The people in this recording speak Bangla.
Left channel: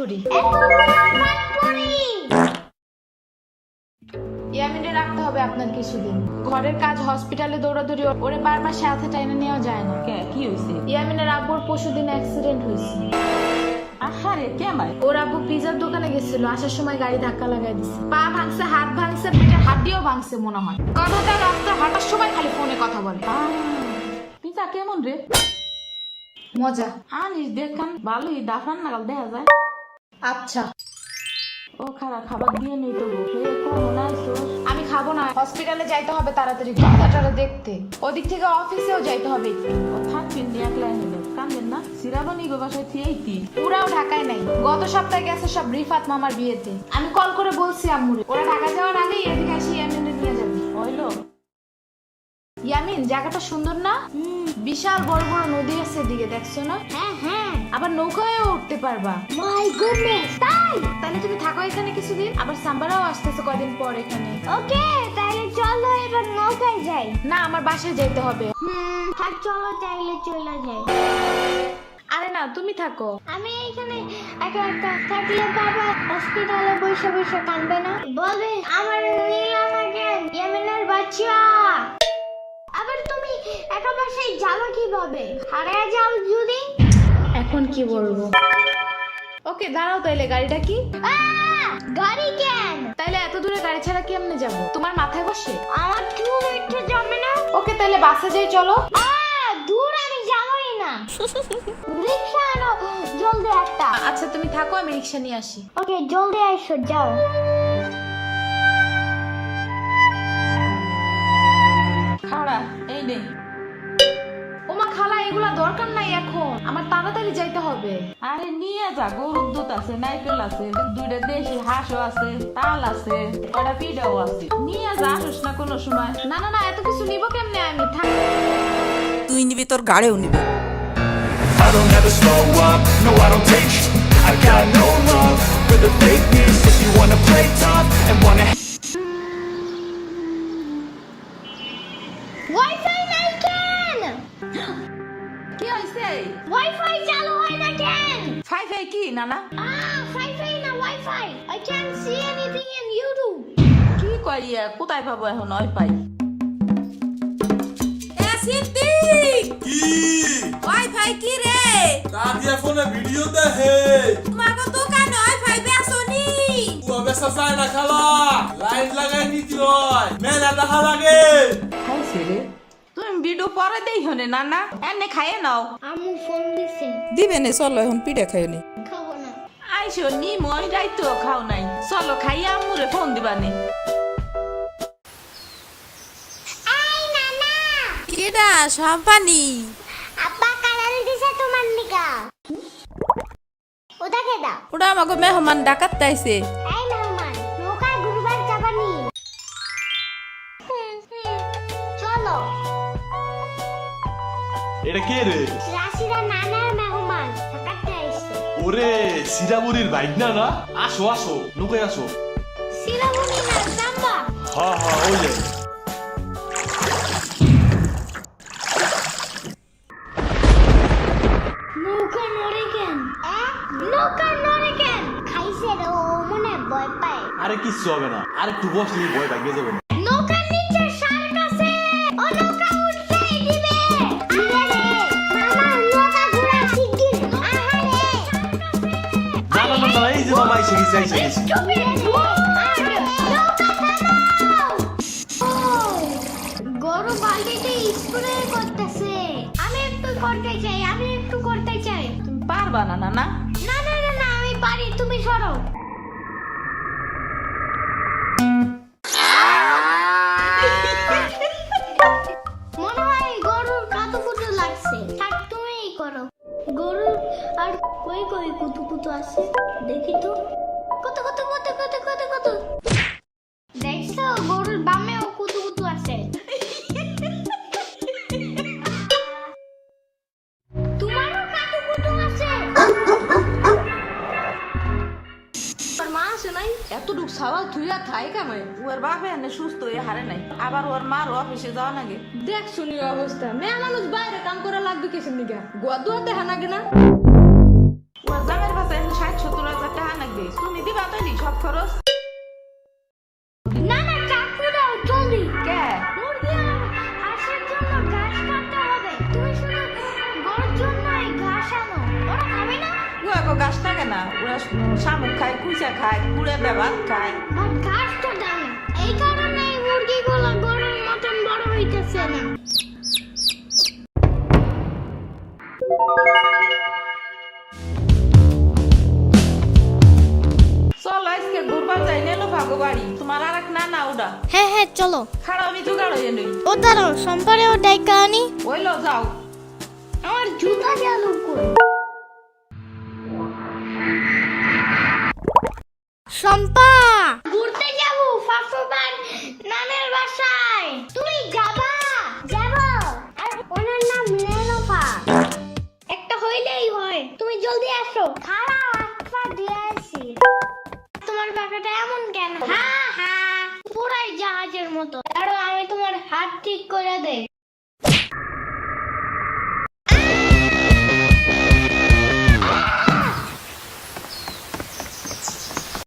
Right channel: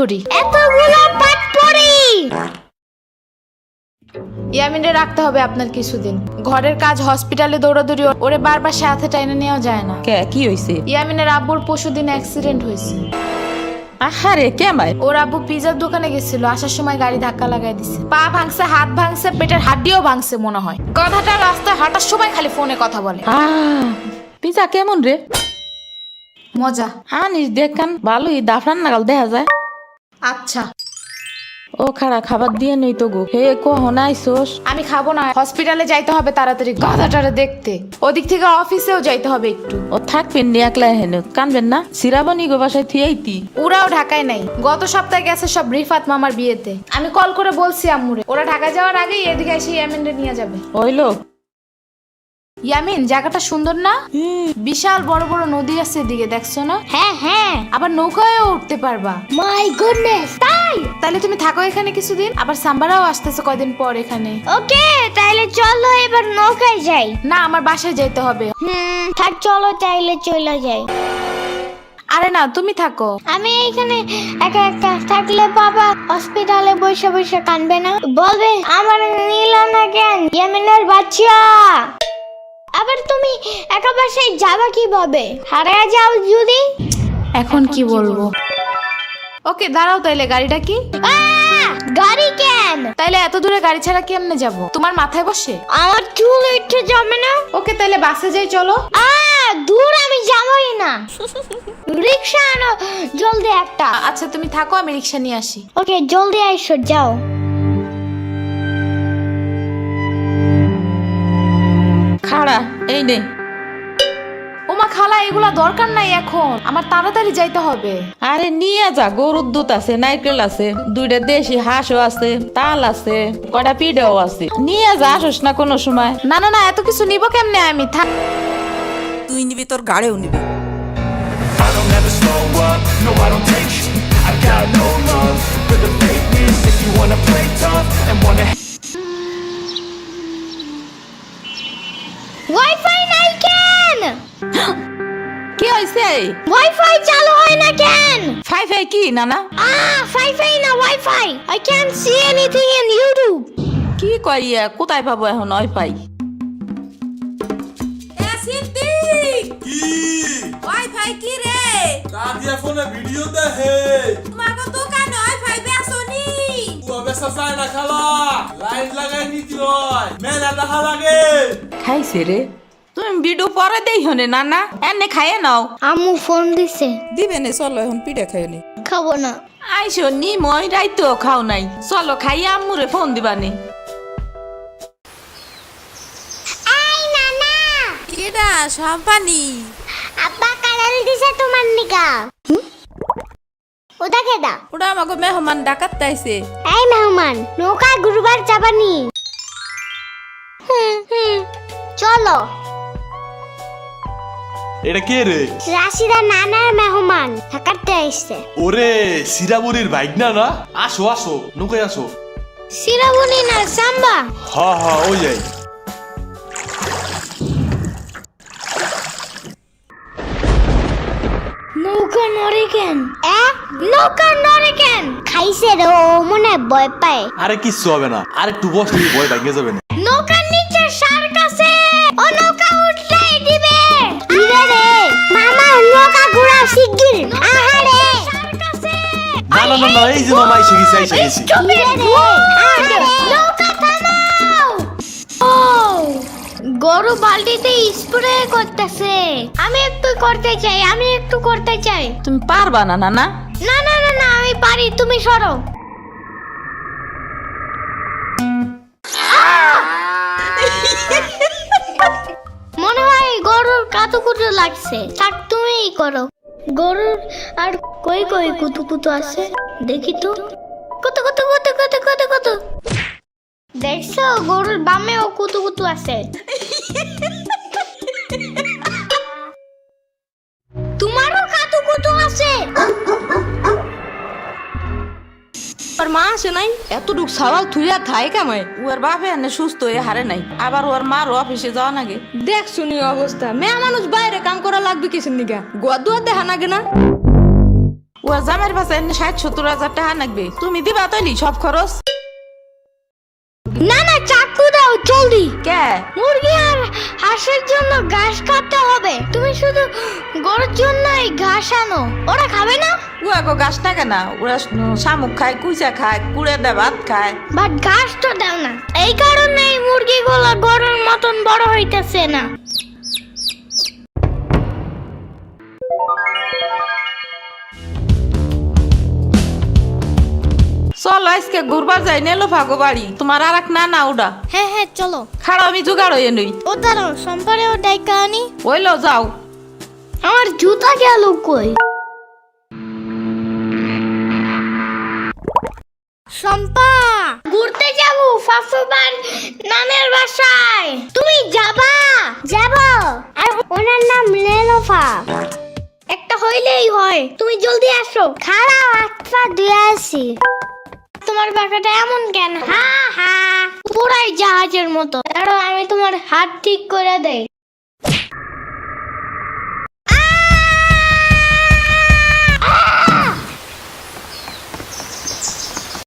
করি। এতগুলো পাট পড়ি। ইয়ামিনে রাখতে হবে আপনার কিছুদিন। ঘরের কাজ, হসপিটালে দৌড়াদৌড়ি, ওরে বারবার সাথে টাইনে নেওয়া যায় না। কে কি হইছে? ইয়ামিনের আব্বুর পরশুদিন অ্যাক্সিডেন্ট হয়েছে। আহারে কেমাই? ওর আব্বু পিজার দোকানে গেছিল, আসার সময় গাড়ি ধাক্কা লাগাই দিছে। পা ভাঙছে, হাত ভাঙছে, পেটের হাড্ডিও ভাঙছে মনে হয়। কথাটা রাস্তায় হাঁটার সময় খালি ফোনে কথা বলে। পিজা কেমন রে? মজা। আনিস দেখান ভালোই, দাফরান নাগাল দেখা যায়। আচ্ছা ও খাড়া খাবার দিয়ে নেই তো গো। হে কখন আইসোস? আমি খাবো না, হসপিটালে যাইতে হবে তাড়াতাড়ি গাধাটারে দেখতে। ওদিক থেকে অফিসেও যাইতে হবে একটু। ও থাকবেন নি একলা হেন, কানবেন না? সিরাবনি গো বাসায় থিয়াইতি। ওরাও ঢাকায় নাই, গত সপ্তাহে গেছে সব রিফাত মামার বিয়েতে। আমি কল করে বলছি আম্মুরে, ওরা ঢাকা যাওয়ার আগেই এদিকে এসে ইয়ামিনরে নিয়ে যাবে। হইলো? ইয়ামিন, জায়গাটা সুন্দর না? বিশাল বড় বড় নদী আছে এদিকে, দেখছো না? হ্যাঁ হ্যাঁ। আবার নৌকায়ও উঠতে পারবা। মাই গুডনেস, তাই? তাহলে তুমি থাকো এখানে কিছুদিন, আবার সাম্বারাও আসতেছে কয়দিন পর এখানে। ওকে, তাইলে চলো এবার নৌকায় যাই। না, আমার বাসায় যাইতে হবে। থাক, চলো তাইলে চলে যাই। আরে না, তুমি থাকো। আমি এখানে একা একা থাকলে বাবা হসপিটালে বসে বসে কানবে না? বলবে আমার নিল না কেন ইয়ামিনের বাচ্চা। আবার তুমি একা বাসায় যাবা কিভাবে? হারিয়ে যাও যদি। এখন কি বলবো? ওকে দাঁড়াও, তাইলে গাড়িটা কি? গাড়ি কেন? তাইলে এত দূরে গাড়ি ছাড়া কেমনে যাব? তোমার মাথায় বসে? আমার চুল উঠে যাবে না? ওকে তাইলে বাসে যাই, চলো। দূর আমি যাবই না। রিক্সা আনো জলদি একটা। আচ্ছা তুমি থাকো, আমি রিক্সা নিয়ে আসি। ওকে, জলদি আইসো, যাও। খাড়া এই নে। ওমা খালা, এগুলা দরকার নাই এখন, আমার তাড়াতাড়ি যাইতে হবে। আরে নিয়ে যা, গরুর দুধ আছে, নারকেল আছে, দুইটা দেশি হাঁসও আছে, তাল আছে, কয়টা পিঠাও আছে। নিয়ে যা, আসোস না কোনো সময়? না না না, এত কিছু নিব কেমনে আমি? তুই নিবি, তোর গাড়িও নিবি। I don't ever slow up, no I don't take sh**. I got no love for the fakeness. If you wanna play tough and wanna wifi নাই কেন? কি হয়েছে? ওয়াইফাই চালু হয় না কেন? ফাই ফাই কি নানা? ফাই না, wifi. I can't see anything in YouTube. কি কই কোথায় পাবো এখন ওয়াইফাই? কি ওয়াইফাই কি রে? দাদিয়া ফোনে ভিডিও দেখে তোমাকে দোকানে ওয়াইফাই বেসনি? ও বেসা যায় না খালা, লাইন লাগাই নিতে হয়, মেলা দেখা লাগে। খাইছে রে? তুমি ভিডিও পরে দেই হনে নানা, এনে খাইয়ে নাও। আম্মু ফোন দিছে। দিবে নে, চলো এখন পিঠা খাই নি। খাবো না। আইসো নি, মই রাইতো খাও নাই, চলো খাইয়ে আম্মুরে ফোন দিবানি। আই নানা, এটা সাম্পানি। আব্বা কালার দিছে তোমার নিকা। ওটা কেডা? ওটা আমাকে মেহমান ডাকাত তাইছে। এই মেহমান, নৌকা গুরুবার যাবানি। চলো। এটা কে রে? রাশিদা নানার মেহমান থাকাতে আইছে। ওরে সিরাবুরির বাইক না না, আসো আসো, নৌকায় আসো। সিরাবুনি না, সাম্বা। হ্যাঁ হ্যাঁ, ওই যাই। নৌকা নড়ে কেন? নৌকা নড়ে কেন? খাইছে রে, ও মনে ভয় পায়। আরে কিচ্ছু হবে না, আরে একটু বস, তুমি ভয় ভাঙে যাবে না। নৌকার নিচে শার্ক আছে, ও নৌকা উঠতেই দিবে। দিবে রে, মামা নৌকা ঘোরা শিগগির। আহারে শার্ক আছে। না না না না, এই যে মামা এসে গেছে, এসে গেছে। দিবে রে, আহারে নৌকা থামাও। ও, গরু বালতিতে স্প্রে করতেছে। আমি একটু করতে চাই, আমি একটু করতে চাই। তুমি পারবা না নানা? না না না না, আমি পারি, তুমি সরো। মনে হয় গরুর কাতুকুতু লাগছে, থাক তুমিই করো। গরুর আর কই কই কুতুকুতু আছে দেখি তো। কত কত কত কত কত কত, দেখছো গরুর বামেও কুতুকুতু আছে। তোমারও কাতুকুতু আছে? ওর মা আছে নাই? এতটুক সওয়াল থুইয়া থাই কামাই। ওর বাপে এনে সুস্থ হয়ে হারে নাই, আবার ওর মার অফিসে যাওয়া নাগে। দেখ শুনি অবস্থা, মেয়ে মানুষ বাইরে কাম করা লাগবে কিসের নিগা? গোয়া দুয়া দেখা নাগে না? ওর জামাইয়ের পাশে 60-70 হাজার টাকা লাগবে, তুমি দিবা তৈলি সব খরচ? না না, চাকু দাও জলদি। কে? মুরগি আর হাঁসের জন্য ঘাস কাটতে হবে, তুমি শুধু গরুর জন্যই ঘাস আনো, ওরা খাবে না? ওরা গো গাছ না কেনা, ওরা শামুক খায়, কুইচা খায়, কুড়ে দেয়, ভাত খায়। বাট ঘাস তো দাও না, এই কারণে এই মুরগিগুলো গরুর মতন বড় হইতেছে না। চলো আজকে ঘুরবার যাই, নেলো ভাগো বাড়ি। তোমার আর এক না ওটা হ্যাঁ হ্যাঁ চলো। খাড়া আমি জোগাড় হয়ে নই। ও দাঁড়াও, সম্পারেও ডাইকা আনি। ওইলো যাও। আমার জুতা গেল কই? শম্পা, ঘুরতে যাবো ফাফুবার নানের বাসায়, তুমি যাবা? যাব। আর ওনার নাম লেলোফা। একটা হইলেই হয়, তুমি জলদি আসো। খাড়াও, একটা দিয়ে আসি। তোমার বাসাটা এমন কেন? হ্যাঁ হ্যাঁ, পুরাই জাহাজের মতো। দাঁড়াও, আমি তোমার হাত ঠিক করে দেই।